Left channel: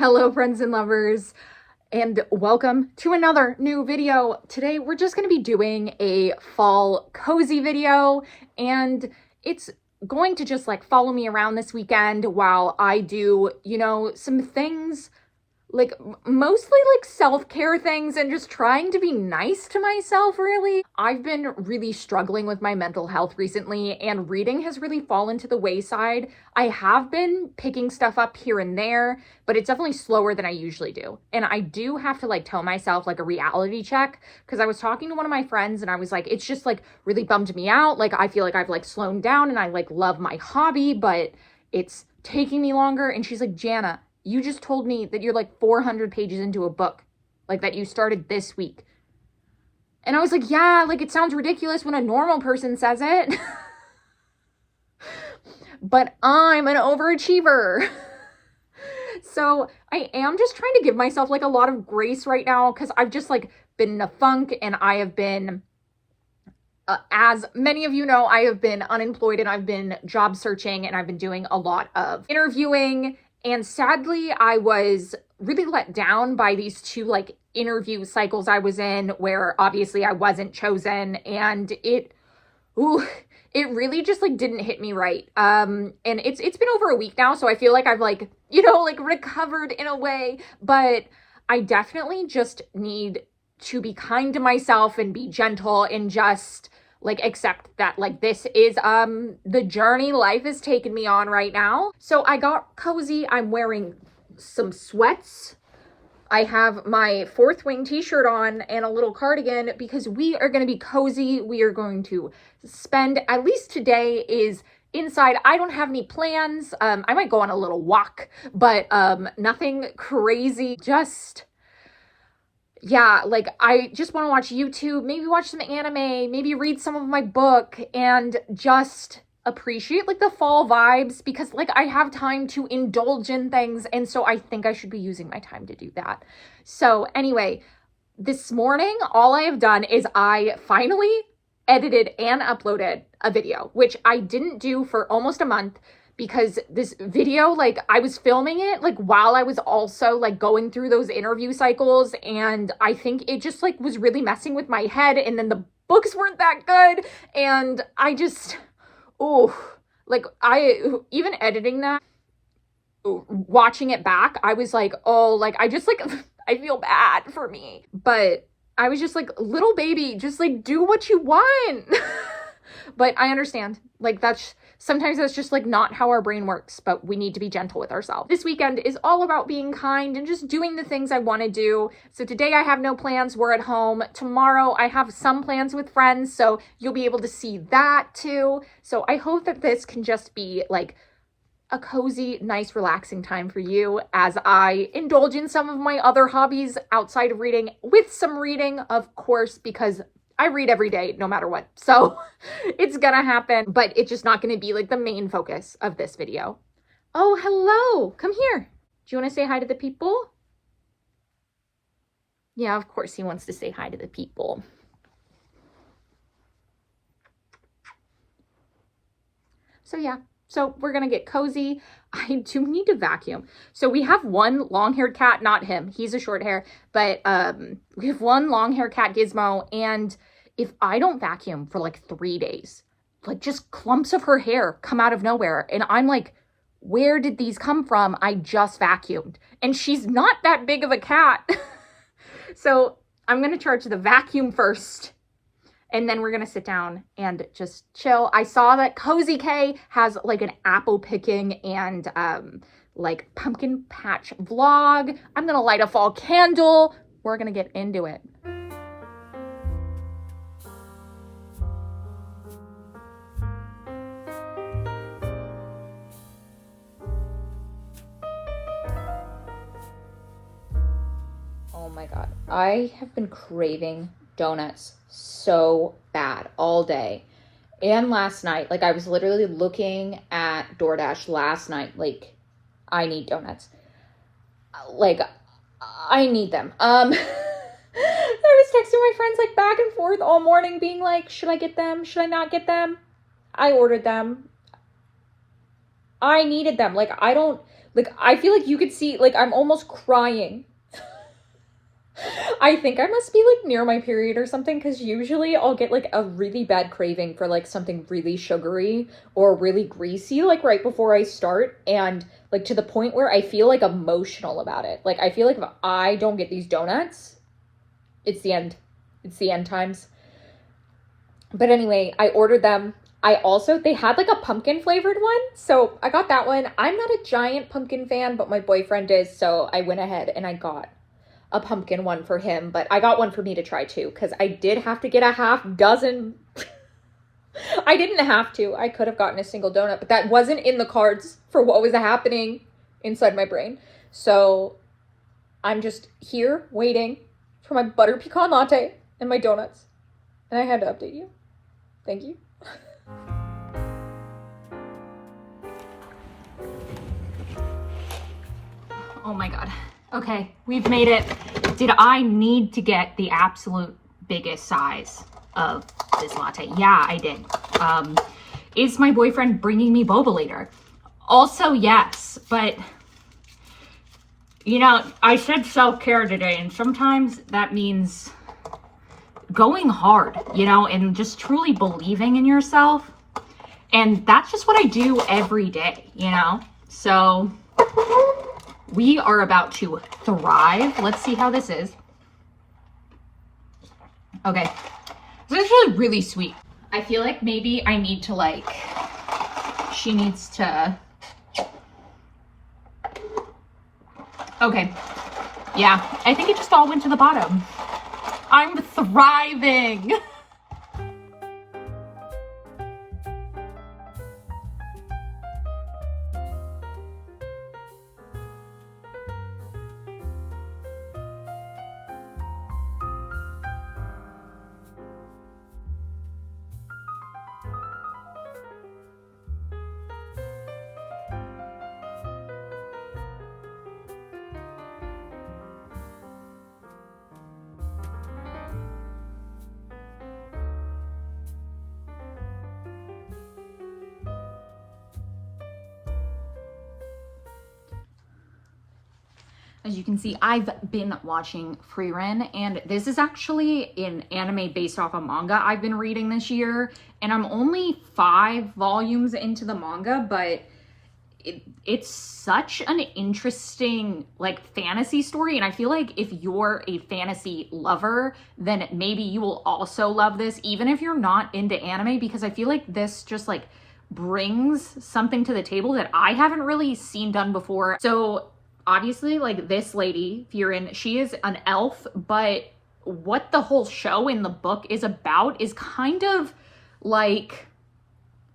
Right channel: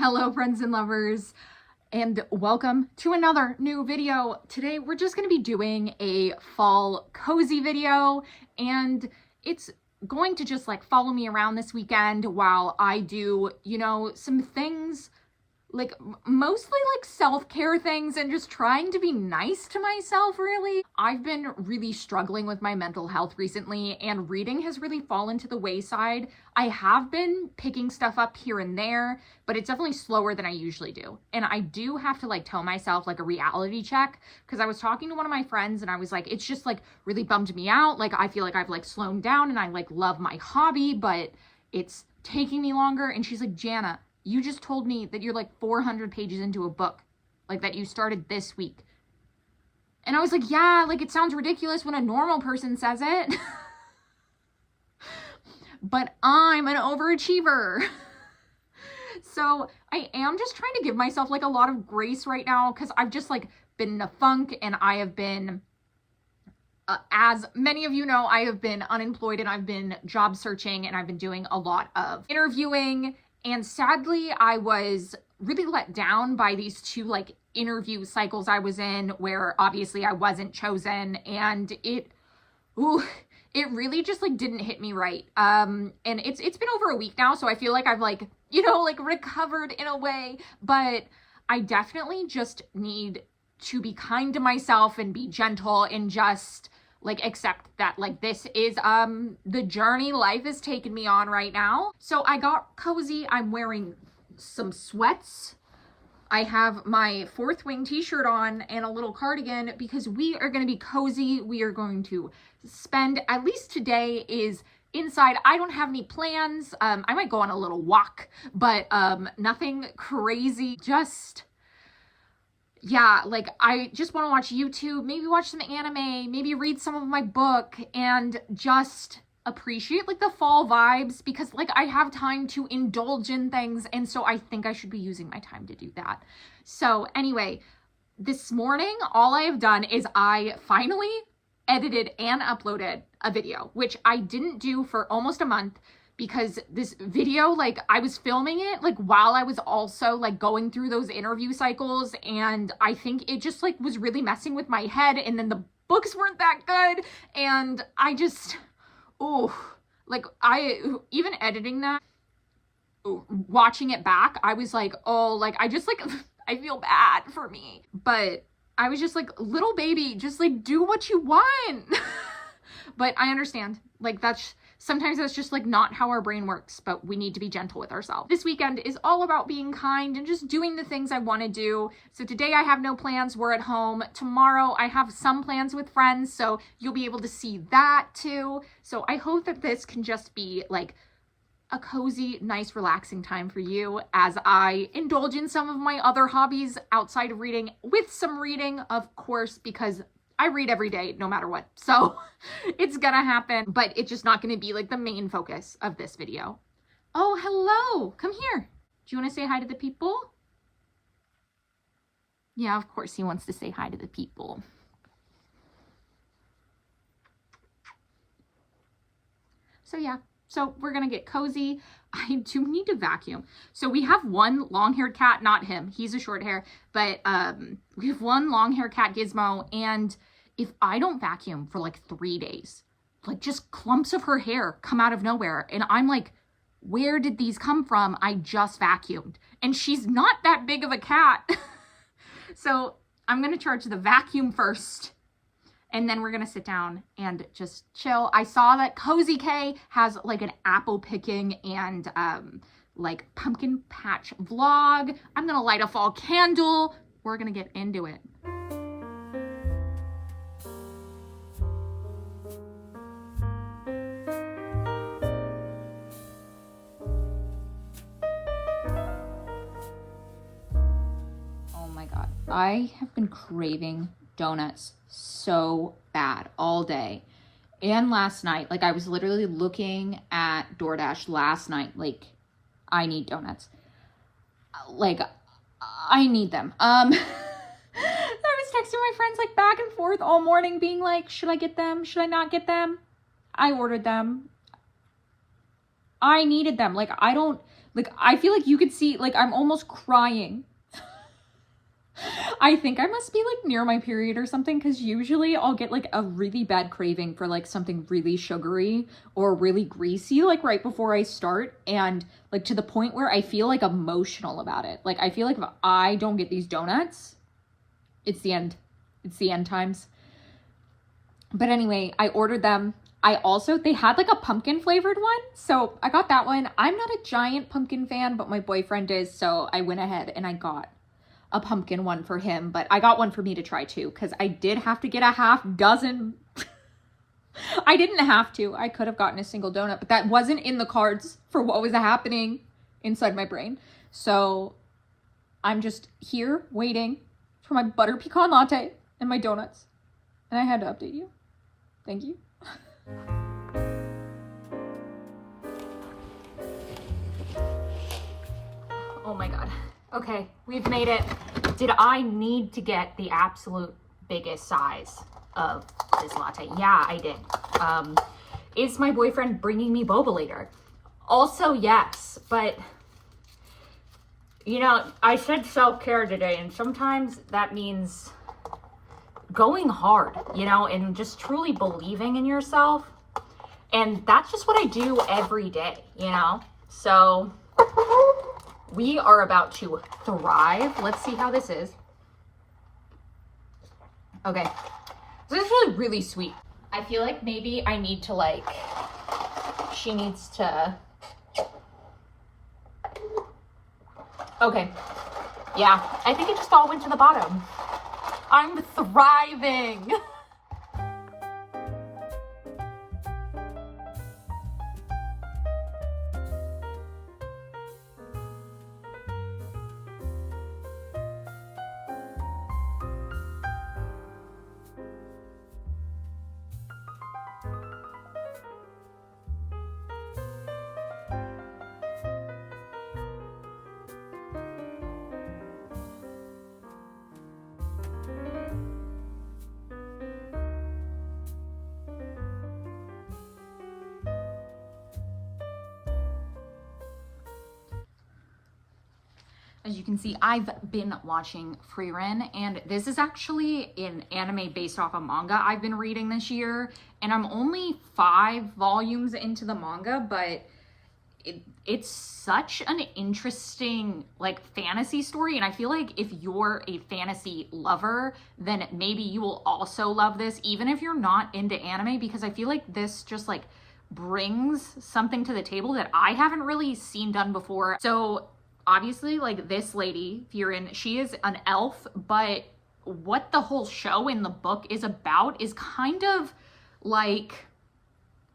Hello, friends and lovers, and welcome to another new video. Today, we're just going to be doing a fall cozy video, and it's going to just like follow me around this weekend while I do, some things like mostly like self-care things and just trying to be nice to myself, really. I've been really struggling with my mental health recently, and reading has really fallen to the wayside. I have been picking stuff up here and there, but it's definitely slower than I usually do. And I do have to like tell myself like a reality check, because I was talking to one of my friends and I was like, it's just like really bummed me out. Like I feel like I've like slowed down and I like love my hobby, but it's taking me longer. And she's like, Jana, you just told me that you're like 400 pages into a book, like that you started this week. And I was like, yeah, like it sounds ridiculous when a normal person says it. But I'm an overachiever. So I am just trying to give myself like a lot of grace right now, because I've just like been in a funk, and I have been, as many of you know, I have been unemployed and I've been job searching and I've been doing a lot of interviewing. And sadly, I was really let down by these two like interview cycles I was in, where obviously I wasn't chosen, and it really just like didn't hit me right. And it's been over a week now, so I feel like I've like, like recovered in a way, but I definitely just need to be kind to myself and be gentle and just like accept that like this is the journey life is taking me on right now. So I got cozy. I'm wearing some sweats. I have my Fourth Wing t-shirt on and a little cardigan, because we are going to be cozy. We are going to spend, at least today is inside. I don't have any plans. I might go on a little walk, but nothing crazy. Just, yeah, like I just want to watch YouTube, maybe watch some anime, maybe read some of my book, and just appreciate like the fall vibes, because like I have time to indulge in things, and so I think I should be using my time to do that. So anyway, this morning all I have done is I finally edited and uploaded a video, which I didn't do for almost a month, because this video, like I was filming it like while I was also like going through those interview cycles, and I think it just like was really messing with my head, and then the books weren't that good, and I just, like I, even editing that, watching it back, I was like, oh, like I just like, I feel bad for me, but I was just like, little baby, just like do what you want. But I understand, like sometimes that's just like not how our brain works, but we need to be gentle with ourselves. This weekend is all about being kind and just doing the things I want to do. So today I have no plans. We're at home. Tomorrow I have some plans with friends, so you'll be able to see that too. So I hope that this can just be like a cozy, nice, relaxing time for you as I indulge in some of my other hobbies outside of reading, with some reading, of course, because I read every day, no matter what. So it's gonna happen, but it's just not gonna be like the main focus of this video. Oh, hello, come here. Do you wanna say hi to the people? Yeah, of course he wants to say hi to the people. So yeah, so we're gonna get cozy. I do need to vacuum. So we have one long-haired cat, not him, he's a short hair, but we have one long-haired cat, Gizmo, and if I don't vacuum for like 3 days, like just clumps of her hair come out of nowhere. And I'm like, where did these come from? I just vacuumed. And she's not that big of a cat. So I'm going to charge the vacuum first, and then we're going to sit down and just chill. I saw that Cozy K has like an apple picking and like pumpkin patch vlog. I'm going to light a fall candle. We're going to get into it. My God, I have been craving donuts so bad all day and last night. Like I was literally looking at DoorDash last night, like I need donuts, like I need them. I was texting my friends like back and forth all morning being like, should I get them, should I not get them? I ordered them. I needed them. Like I don't Like, I feel like you could see, like, I'm almost crying. I think I must be like near my period or something, because usually I'll get like a really bad craving for like something really sugary or really greasy, like right before I start, and like to the point where I feel like emotional about it. Like, I feel like if I don't get these donuts, it's the end. It's the end times. But anyway, I ordered them. They had like a pumpkin flavored one, so I got that one. I'm not a giant pumpkin fan, but my boyfriend is, so I went ahead and I got a pumpkin one for him, but I got one for me to try too, because I did have to get a half dozen. I didn't have to. I could have gotten a single donut, but that wasn't in the cards for what was happening inside my brain. So I'm just here waiting for my butter pecan latte and my donuts. And I had to update you. Thank you. Oh my God. Okay, we've made it. Did I need to get the absolute biggest size of this latte? Yeah, I did. Is my boyfriend bringing me boba later? Also, yes, but you know, I said self-care today, and sometimes that means going hard, you know, and just truly believing in yourself. And that's just what I do every day, you know? So we are about to thrive. Let's see how this is. Okay. This is actually really sweet. I feel like maybe I need to like, she needs to, okay. Yeah, I think it just all went to the bottom. I'm thriving. As you can see, I've been watching Frieren, and this is actually an anime based off a manga I've been reading this year, and I'm only 5 volumes into the manga, but it's such an interesting like fantasy story, and I feel like if you're a fantasy lover, then maybe you will also love this, even if you're not into anime, because I feel like this just like brings something to the table that I haven't really seen done before. So obviously, like, this lady, Frieren, she is an elf, but what the whole show in the book is about is kind of like,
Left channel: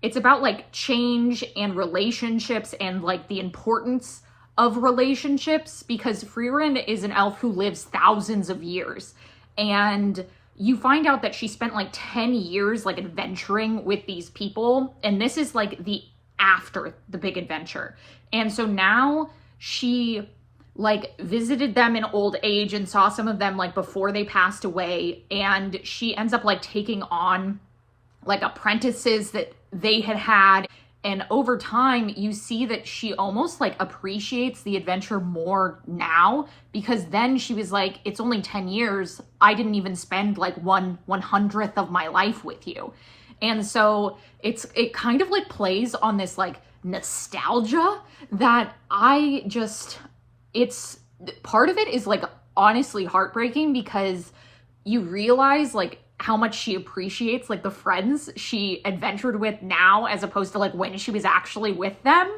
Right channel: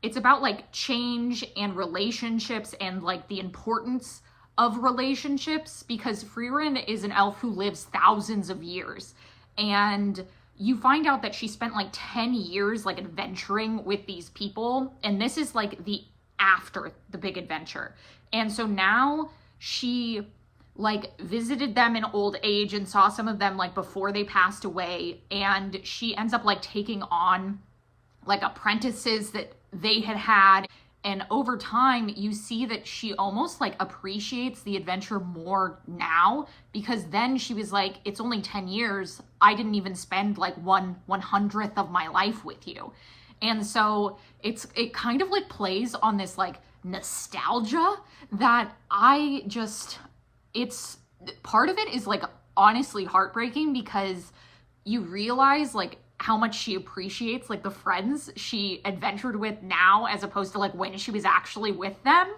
it's about like change and relationships and like the importance of relationships, because Frieren is an elf who lives thousands of years, and you find out that she spent like 10 years like adventuring with these people, and this is like the after the big adventure. And so now she like visited them in old age and saw some of them like before they passed away, and she ends up like taking on like apprentices that they had, and over time you see that she almost like appreciates the adventure more now, because then she was like, it's only 10 years, I didn't even spend like 1/100th of my life with you. And so it kind of like plays on this like nostalgia that it's part of it is like honestly heartbreaking, because you realize like how much she appreciates like the friends she adventured with now as opposed to like when she was actually with them.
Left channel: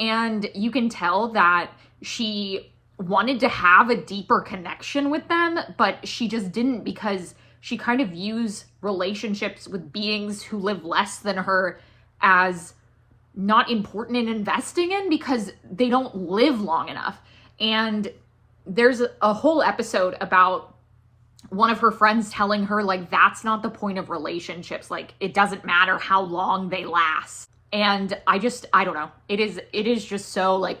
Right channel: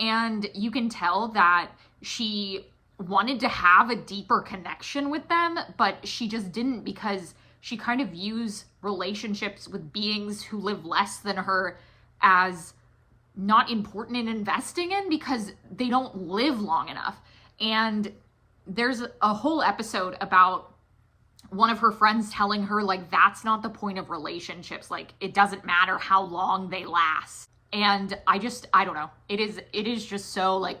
And you can tell that she wanted to have a deeper connection with them, but she just didn't, because she kind of views relationships with beings who live less than her as not important in investing in, because they don't live long enough. And there's a whole episode about one of her friends telling her like, that's not the point of relationships, like it doesn't matter how long they last. And I don't know, it is just so like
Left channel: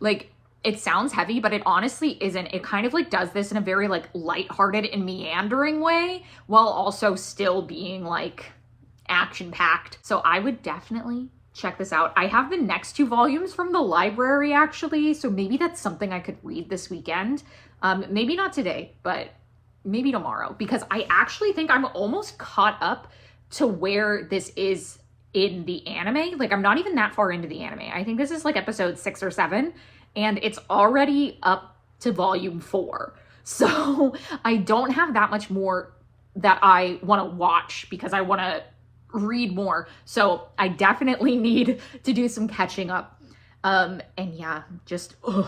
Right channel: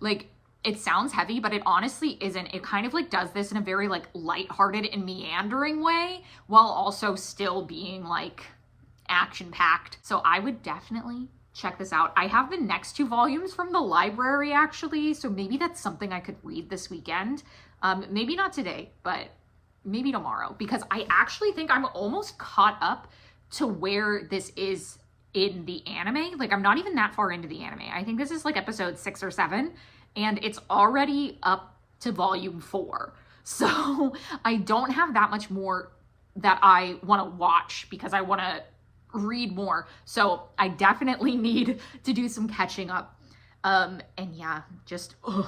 like, it sounds heavy, but it honestly isn't. It kind of like does this in a very like lighthearted and meandering way, while also still being like action packed. So I would definitely check this out. I have the next 2 volumes from the library actually, so maybe that's something I could read this weekend. Maybe not today, but maybe tomorrow, because I actually think I'm almost caught up to where this is in the anime. Like, I'm not even that far into the anime. I think this is like episode 6 or 7, and it's already up to volume 4. So I don't have that much more that I want to watch because I want to read more. So I definitely need to do some catching up. And yeah, just, ugh.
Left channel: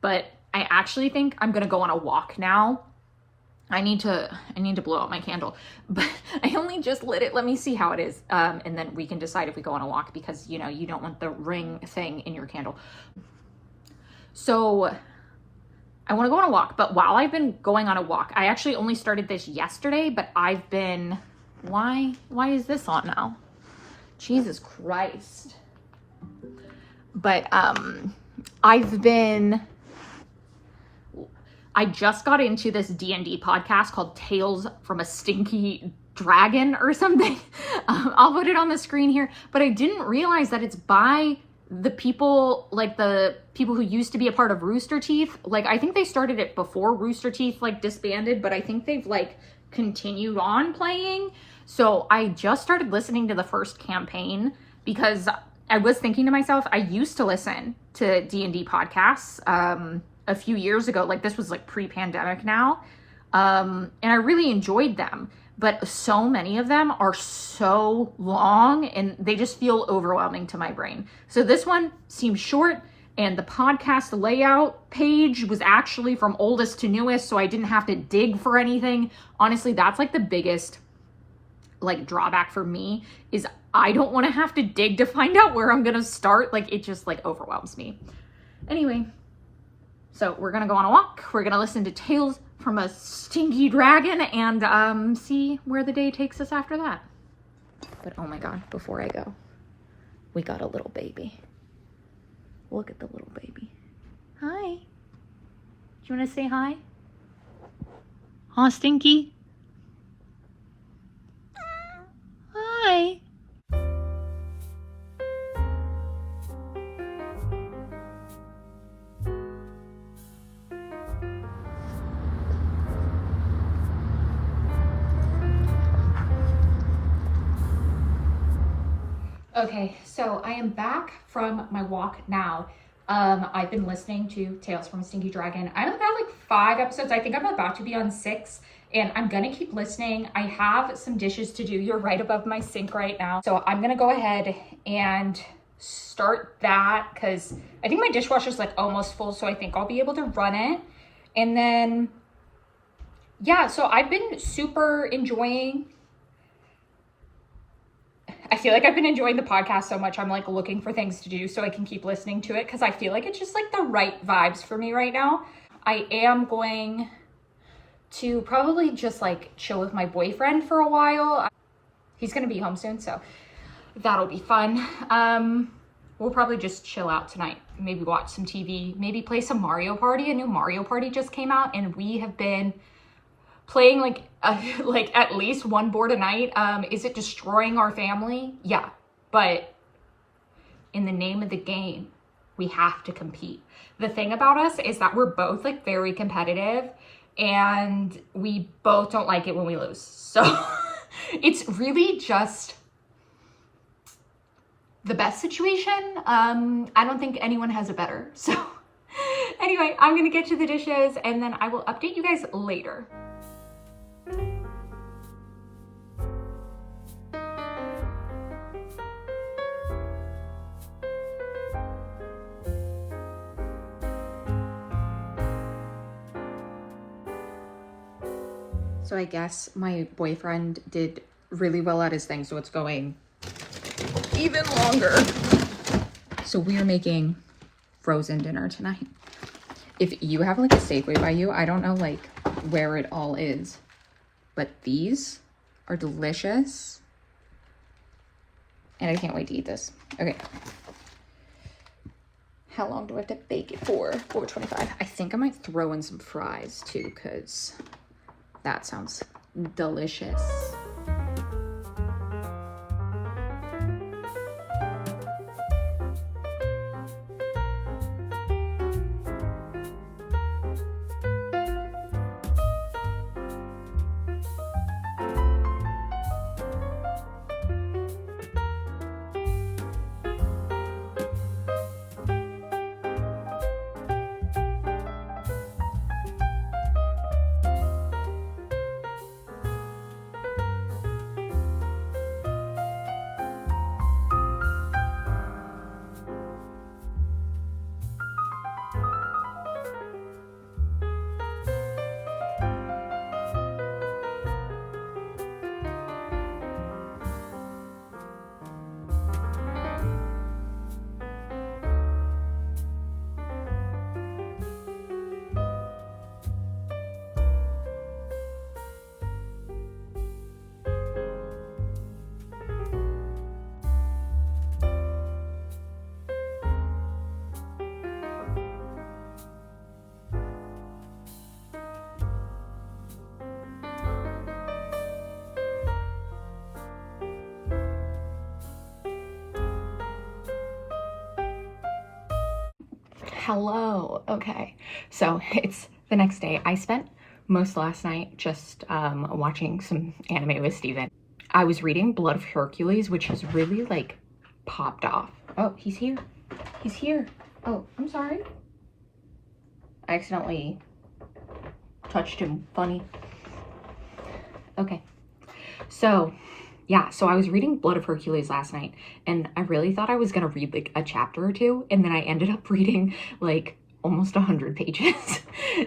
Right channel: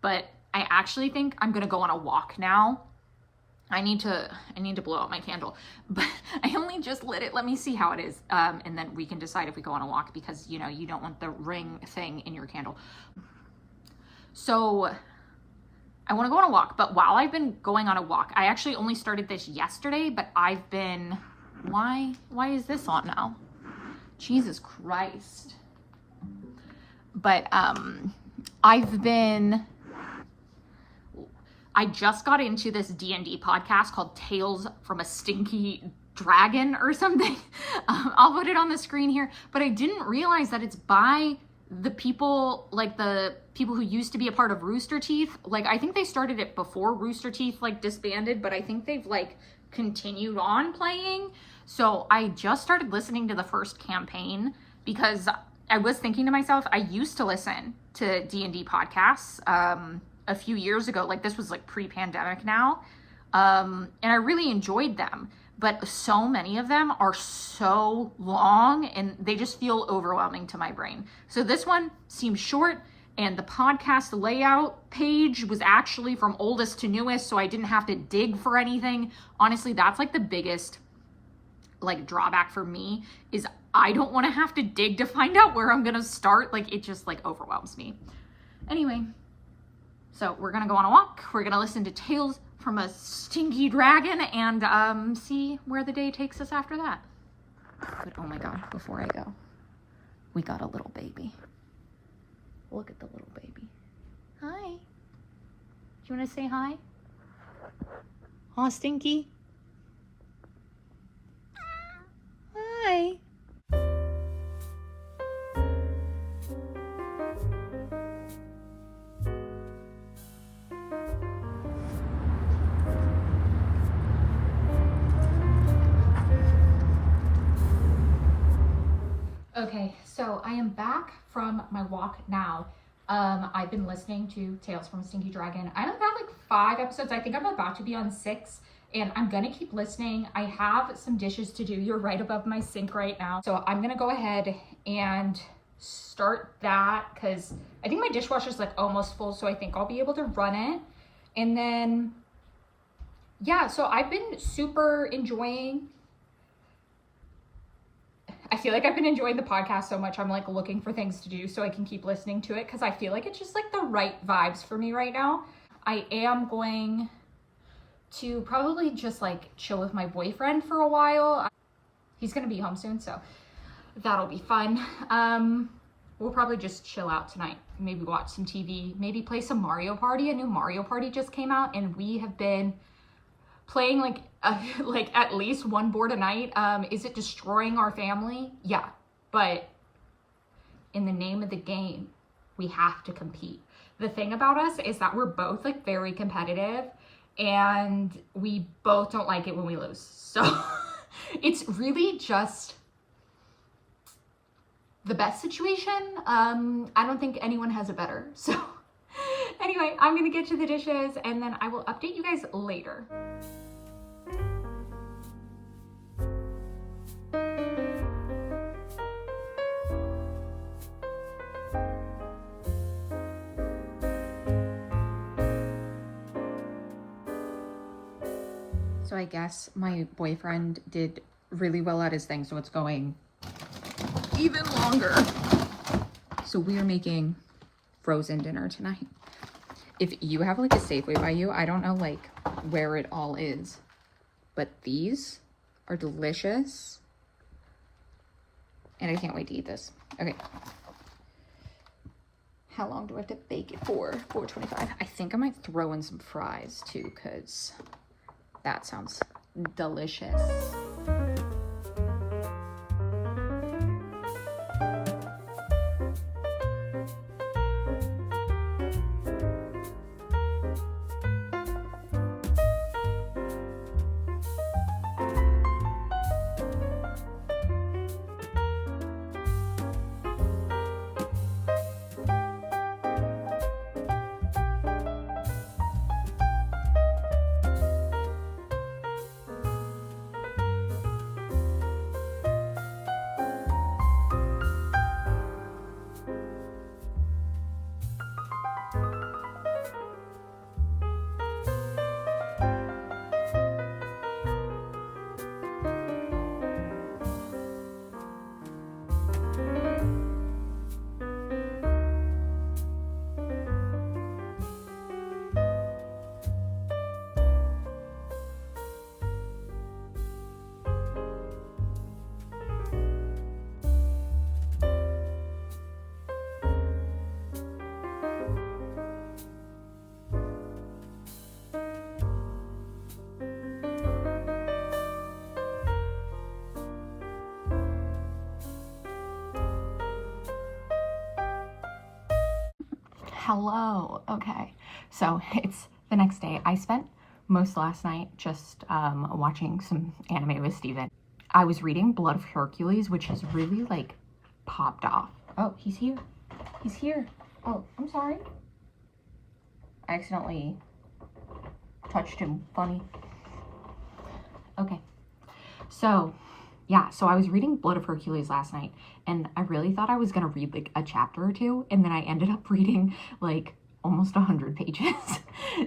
But I actually think I'm going to go on a walk now. I need to blow out my candle, but I only just lit it. Let me see how it is. And then we can decide if we go on a walk, because you know, you don't want the ring thing in your candle. So I want to go on a walk, but while I've been going on a walk, I actually only started this yesterday, but I've been, why is this on now? Jesus Christ. But I just got into this D&D podcast called Tales from a Stinky Dragon or something. I'll put it on the screen here, but I didn't realize that it's by the people, like the people who used to be a part of Rooster Teeth. Like, I think they started it before Rooster Teeth like disbanded, but I think they've like continued on playing. So I just started listening to the first campaign because I was thinking to myself, I used to listen to D&D podcasts a few years ago. Like, this was like pre-pandemic now. And I really enjoyed them, but so many of them are so long and they just feel overwhelming to my brain. So this one seemed short, and the podcast layout page was actually from oldest to newest, so I didn't have to dig for anything. Honestly, that's like the biggest like drawback for me, is I don't want to have to dig to find out where I'm gonna start. Like, it just like overwhelms me. Anyway, so we're gonna go on a walk. We're gonna listen to Tales from a Stinky Dragon and see where the day takes us after that. But oh my God, before I go, we got a little baby. Look at the little baby. Hi. Do you want to say hi? Huh, Stinky? Hi. Okay, so I am back from my walk now. I've been listening to Tales from a Stinky Dragon. I only got like 5 episodes. I think I'm about to be on 6, and I'm gonna keep listening. I have some dishes to do. You're right above my sink right now. So I'm gonna go ahead and start that, because I think my dishwasher's like almost full, so I think I'll be able to run it. And then, yeah, so I've been super enjoying, I feel like I've been enjoying the podcast so much. I'm like looking for things to do so I can keep listening to it, because I feel like it's just like the right vibes for me right now. I am going to probably just like chill with my boyfriend for a while. He's gonna be home soon, so that'll be fun. We'll probably just chill out tonight. Maybe watch some TV, maybe play some Mario Party. A new Mario Party just came out, and we have been playing like at least one board a night. Is it destroying our family? Yeah, but in the name of the game, we have to compete. The thing about us is that we're both like very competitive, and we both don't like it when we lose. So it's really just the best situation. I don't think anyone has a better. So anyway, I'm gonna get to the dishes, and then I will update you guys later. So I guess my boyfriend did really well at his thing, so it's going even longer. So we are making frozen dinner tonight. If you have like a Safeway by you, I don't know like where it all is, but these are delicious. And I can't wait to eat this. Okay. How long do I have to bake it for? 4:25. I think I might throw in some fries too, because that sounds delicious. Hello. Okay. So it's the next day. I spent most last night just watching some anime with Steven. I was reading Blood of Hercules, which has really like popped off. Oh, he's here. He's here. Oh, I'm sorry. I accidentally touched him. Funny. Okay. So yeah, so I was reading Blood of Hercules last night, and I really thought I was gonna read like a chapter or two, and then I ended up reading like almost 100 pages.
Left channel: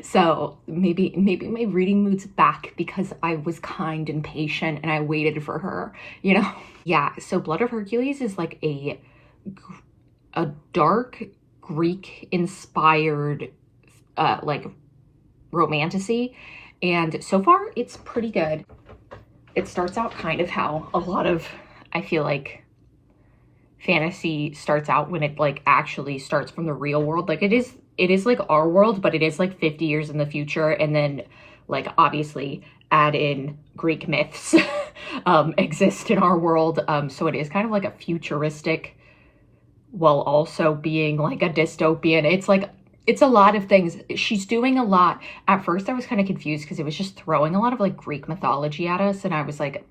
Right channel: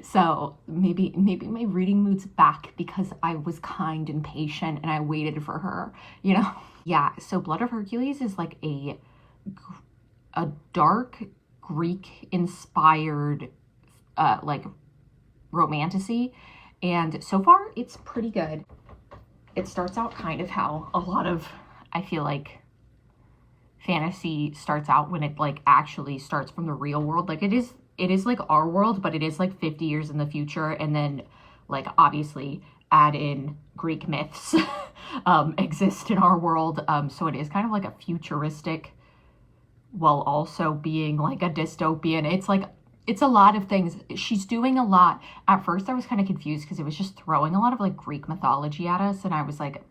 So maybe my reading mood's back because I was kind and patient and I waited for her, you know? Yeah, so Blood of Hercules is like a dark Greek inspired like romantasy, and so far it's pretty good. It starts out kind of how a lot of, I feel like, fantasy starts out when it like actually starts from the real world. Like it is like our world, but it is like 50 years in the future, and then like obviously add in Greek myths exist in our world. So it is kind of like a futuristic while also being like a dystopian. It's a lot of things. She's doing a lot. At first I was kind of confused because it was just throwing a lot of like Greek mythology at us, and I was like,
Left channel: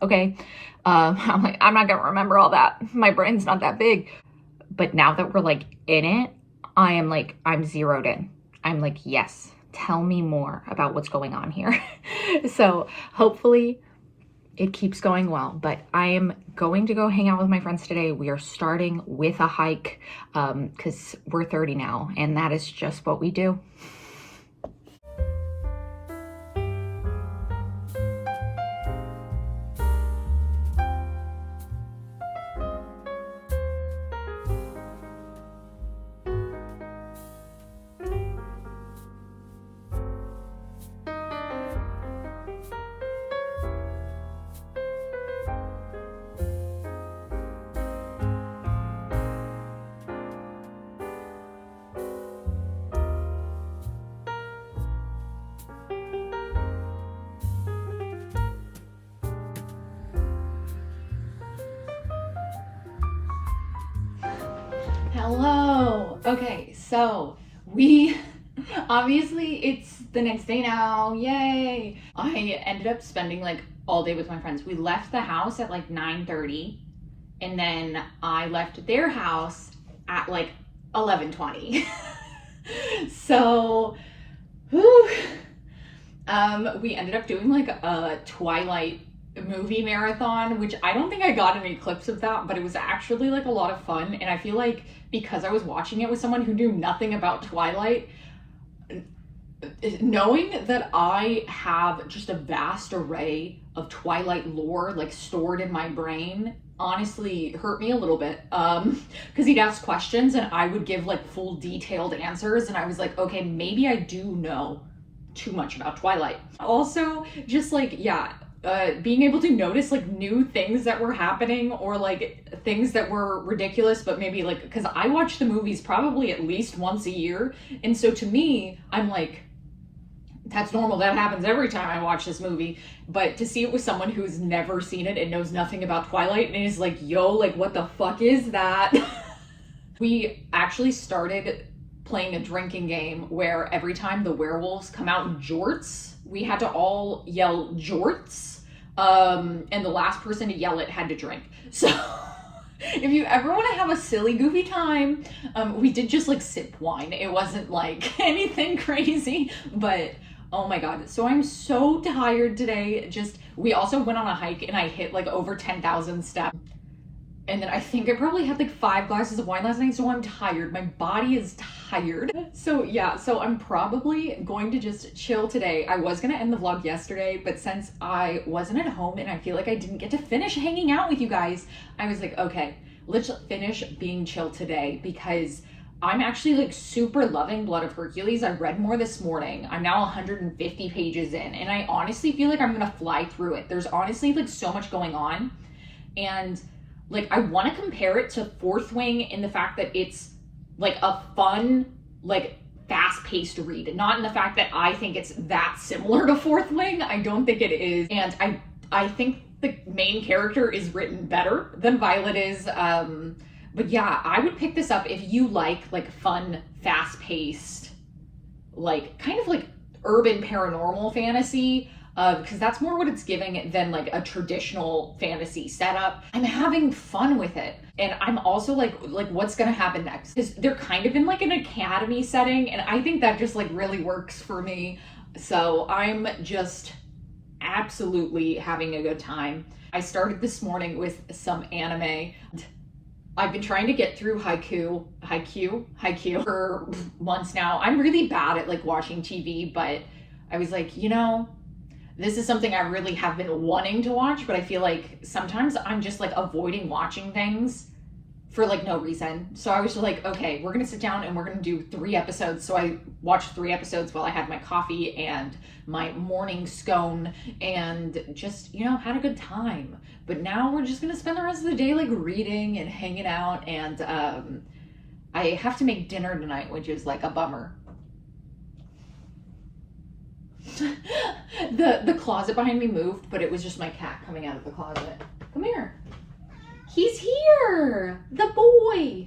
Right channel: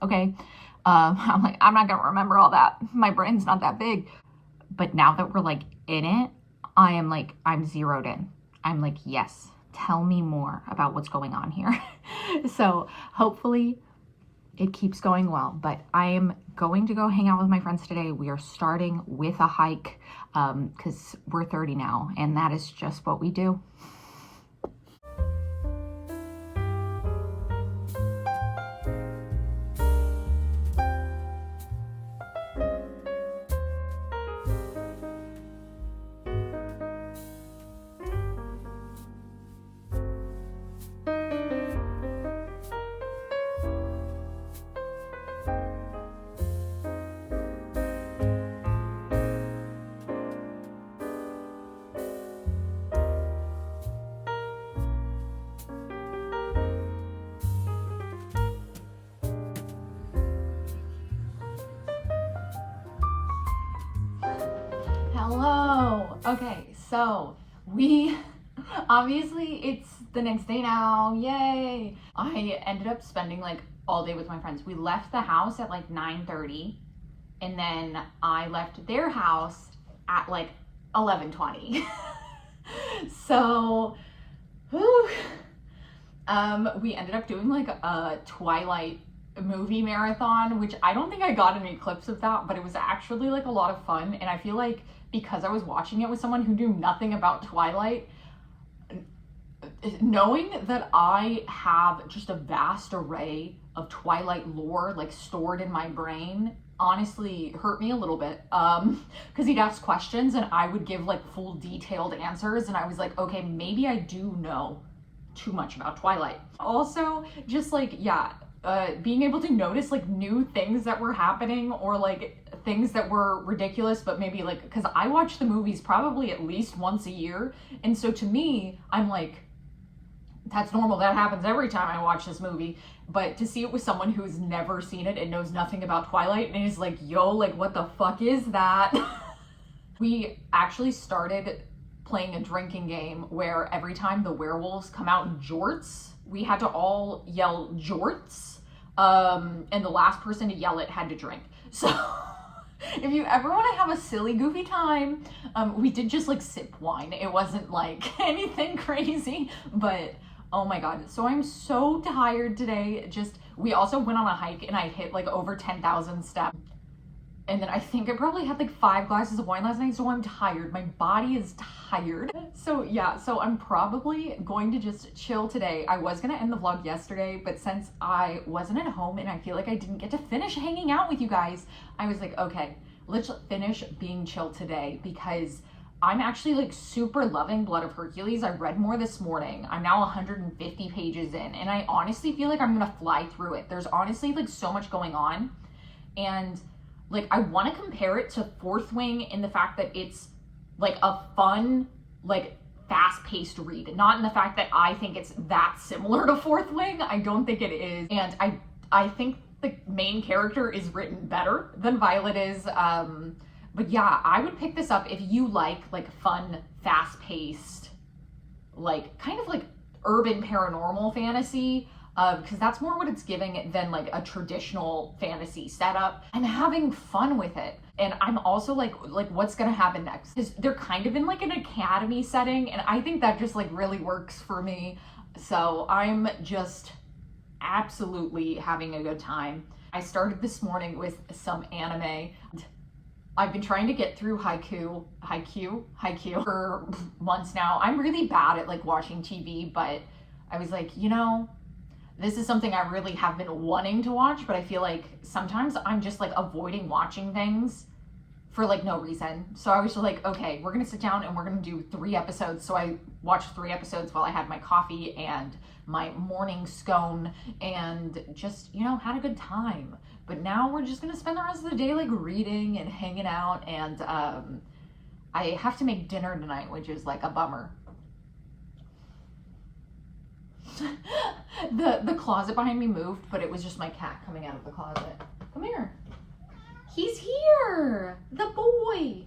okay. I'm like, I'm not gonna remember all that. My brain's not that big. But now that we're like in it, I'm zeroed in. I'm like, yes, tell me more about what's going on here. So hopefully it keeps going well, but I am going to go hang out with my friends today. We are starting with a hike because we're 30 now, and that is just what we do. Hello. Okay, so we obviously it's the next day now. Yay. I ended up spending like all day with my friends. We left the house at like 9:30, and then I left their house at like 11:20. So whew, we ended up doing like a Twilight movie marathon, which I don't think I got any clips of that, but it was actually like a lot of fun. And I feel like because I was watching it with someone who knew nothing about Twilight, knowing that I have just a vast array of Twilight lore like stored in my brain honestly hurt me a little bit, because he'd ask questions and I would give like full detailed answers, and I was like, okay, maybe I do know too much about Twilight. Also, just like, yeah, being able to notice like new things that were happening, or like things that were ridiculous, but maybe like, because I watch the movies probably at least once a year, and so to me, I'm like, that's normal, that happens every time I watch this movie. But to see it with someone who's never seen it and knows nothing about Twilight and is like, yo, like what the fuck is that? We actually started playing a drinking game where every time the werewolves come out in jorts, we had to all yell jorts, and the last person to yell it had to drink. So if you ever want to have a silly, goofy time, we did just like sip wine. It wasn't like anything crazy, but oh my god. So I'm so tired today. We also went on a hike and I hit like over 10,000 steps. And then I think I probably had like 5 glasses of wine last night, so I'm tired. My body is tired. So yeah, so I'm probably going to just chill today. I was gonna end the vlog yesterday, but since I wasn't at home and I feel like I didn't get to finish hanging out with you guys, I was like, okay, let's finish being chill today, because I'm actually like super loving Blood of Hercules. I read more this morning. I'm now 150 pages in, and I honestly feel like I'm gonna fly through it. There's honestly like so much going on, and like I want to compare it to Fourth Wing in the fact that it's like a fun, like fast-paced read, not in the fact that I think it's that similar to Fourth Wing. I don't think it is, and I think the main character is written better than Violet is. But yeah, I would pick this up if you like fun, fast-paced, like kind of like urban paranormal fantasy, because that's more what it's giving than like a traditional fantasy setup. I'm having fun with it, and I'm also like what's gonna happen next? Because they're kind of in like an academy setting, and I think that just like really works for me. So I'm just absolutely having a good time. I started this morning with some anime. I've been trying to get through haiku for months now. I'm really bad at like watching TV, but I was like, this is something I really have been wanting to watch, but I feel like sometimes I'm just like avoiding watching things for like no reason. So I was just like, okay, we're gonna sit down and we're gonna do 3 episodes. So I watched 3 episodes while I had my coffee and my morning scone and just, had a good time. But now we're just gonna spend the rest of the day like reading and hanging out, and I have to make dinner tonight, which is like a bummer. The closet behind me moved, but it was just my cat coming out of the closet. Come here. He's here, the boy.